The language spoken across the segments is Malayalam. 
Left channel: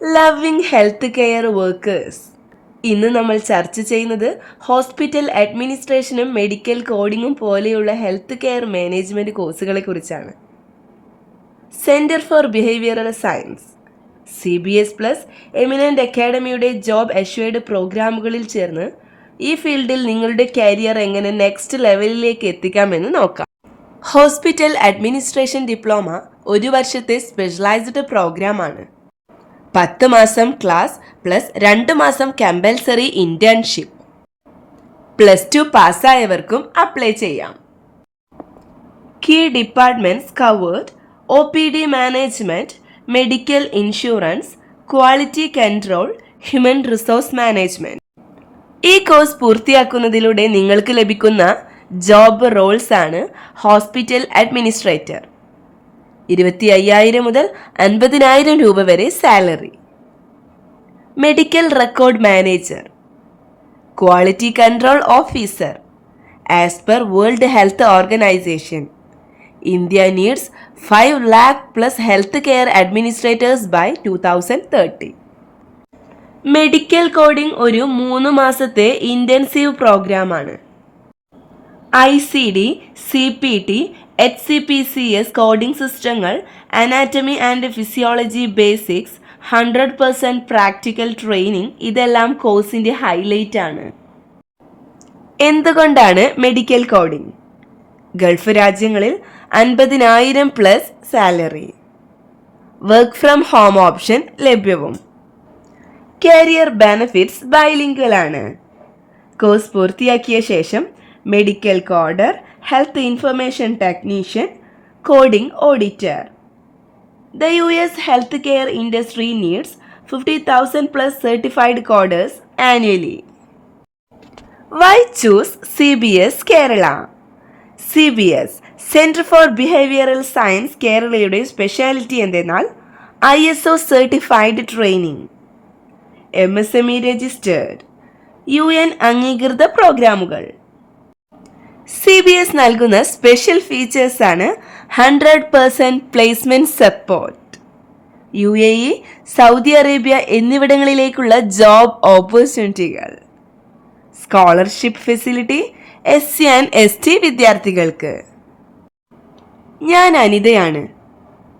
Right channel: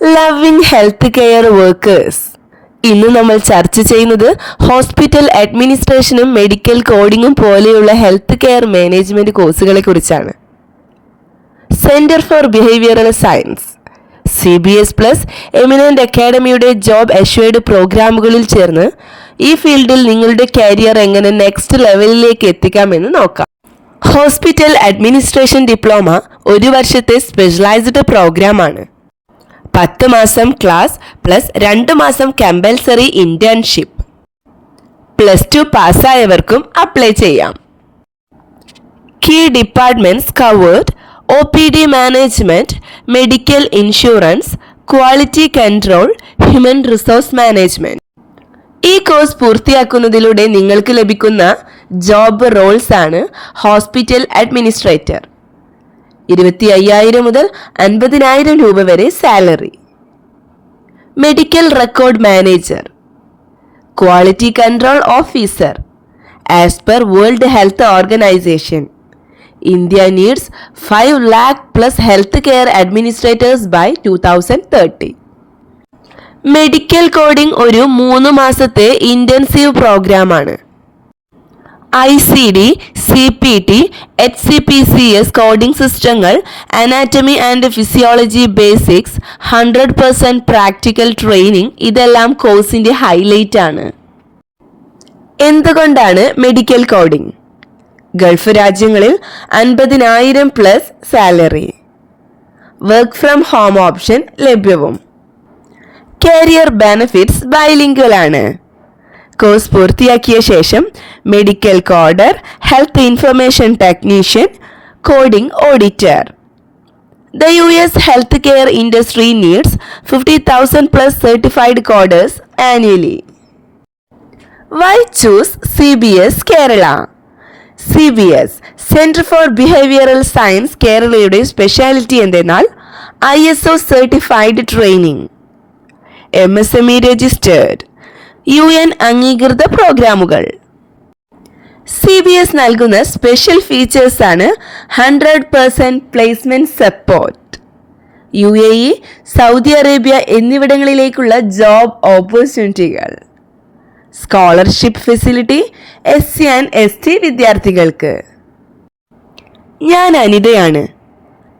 Loving health care workers. ഇന്ന് നമ്മൾ ചർച്ച ചെയ്യുന്നത് ഹോസ്പിറ്റൽ അഡ്മിനിസ്ട്രേഷനും മെഡിക്കൽ കോഡിങ്ങും പോലെയുള്ള ഹെൽത്ത് കെയർ മാനേജ്മെന്റ് കോഴ്സുകളെ കുറിച്ചാണ്. Centre for behavioural science CBS+ eminent അക്കാഡമിയുടെ ജോബ് അഷ്വേർഡ് പ്രോഗ്രാമുകളിൽ ചേർന്ന് ഈ ഫീൽഡിൽ നിങ്ങളുടെ കരിയർ എങ്ങനെ നെക്സ്റ്റ് ലെവലിലേക്ക് എത്തിക്കാമെന്ന് നോക്കാം. ഹോസ്പിറ്റൽ അഡ്മിനിസ്ട്രേഷൻ ഡിപ്ലോമ 1 വർഷത്തെ സ്പെഷ്യലൈസ്ഡ് പ്രോഗ്രാമാണ്. 10 മാസം ക്ലാസ് പ്ലസ് 2 മാസം കമ്പൽസറി ഇന്റേൺഷിപ്പ്. +2 പാസ്സായവർക്കും അപ്ലൈ ചെയ്യാം. Key departments covered: OPD management, medical insurance, quality control, human resource management. ഈ കോഴ്സ് പൂർത്തിയാക്കുന്നതിലൂടെ നിങ്ങൾക്ക് ലഭിക്കുന്ന ജോബ് റോൾസ് ആണ് ഹോസ്പിറ്റൽ അഡ്മിനിസ്ട്രേറ്റർ. 25,000 മുതൽ 50,000 രൂപ വരെ salary. Medical record manager, quality control officer. As per world health organization, India needs 5 lakh plus health care administrators by 2030. Medical coding ഒരു 3 മാസത്തെ ഇന്റൻസീവ് പ്രോഗ്രാമാണ്. ICD, CPT, HCPCS കോഡിംഗ് സിസ്റ്റങ്ങൾ, anatomy and physiology basics, 100% practical training ഇതെല്ലാം കോഴ്സിന്റെ ഹൈലൈറ്റ് ആണ്. എന്തുകൊണ്ടാണ് മെഡിക്കൽ കോഡിംഗ്? ഗൾഫ് രാജ്യങ്ങളിൽ 50,000+ salary. Work from home option ലഭ്യവും. കരിയർ ബെനിഫിറ്റ്സ് ബൈലിംഗ്വൽ ആണ്. കോഴ്സ് പൂർത്തിയാക്കിയ ശേഷം medical coder, health information technician, coding auditor. The US healthcare industry needs 50,000+ certified coders annually. Why choose CBS Kerala? CBS Center for Behavioral Science കേരളയുടെ സ്പെഷ്യാലിറ്റി എന്തെന്നാൽ ISO certified training, MSME registered, UN അംഗീകൃത പ്രോഗ്രാമുകൾ. CBS നൽകുന്ന സ്പെഷ്യൽ ഫീച്ചേഴ്സ് ആണ് 100% placement support, UAE, Saudi Arabia എന്നിവിടങ്ങളിലേക്കുള്ള ജോബ് ഓപ്പർച്യൂണിറ്റികൾ, scholarship facility SC and ST വിദ്യാർത്ഥികൾക്ക്. ഞാൻ അനിതയാണ്.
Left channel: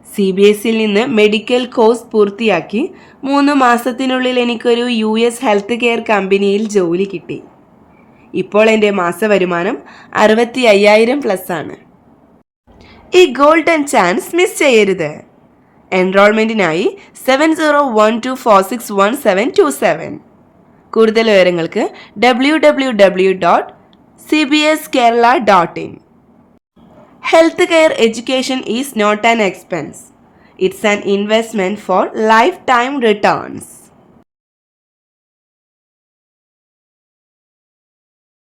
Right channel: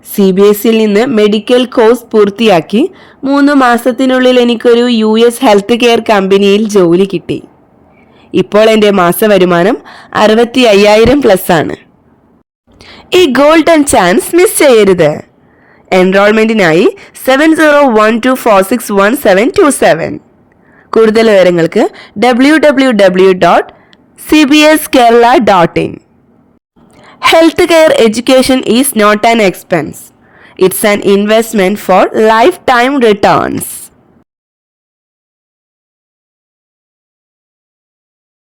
CBSയിൽ നിന്ന് മെഡിക്കൽ കോഴ്സ് പൂർത്തിയാക്കി 3 മാസത്തിനുള്ളിൽ എനിക്കൊരു US ഹെൽത്ത് കെയർ കമ്പനിയിൽ ജോലി കിട്ടി. ഇപ്പോൾ എൻ്റെ മാസവരുമാനം 65,000+ ആണ്. ഈ ഗോൾഡൻ ചാൻസ് മിസ് ചെയ്യരുത്. എൻറോൾമെന്റിനായി 7012461727. കൂടുതൽ വിവരങ്ങൾക്ക് www.cbskerala.in. Healthcare education is not an expense. It's an investment for lifetime returns.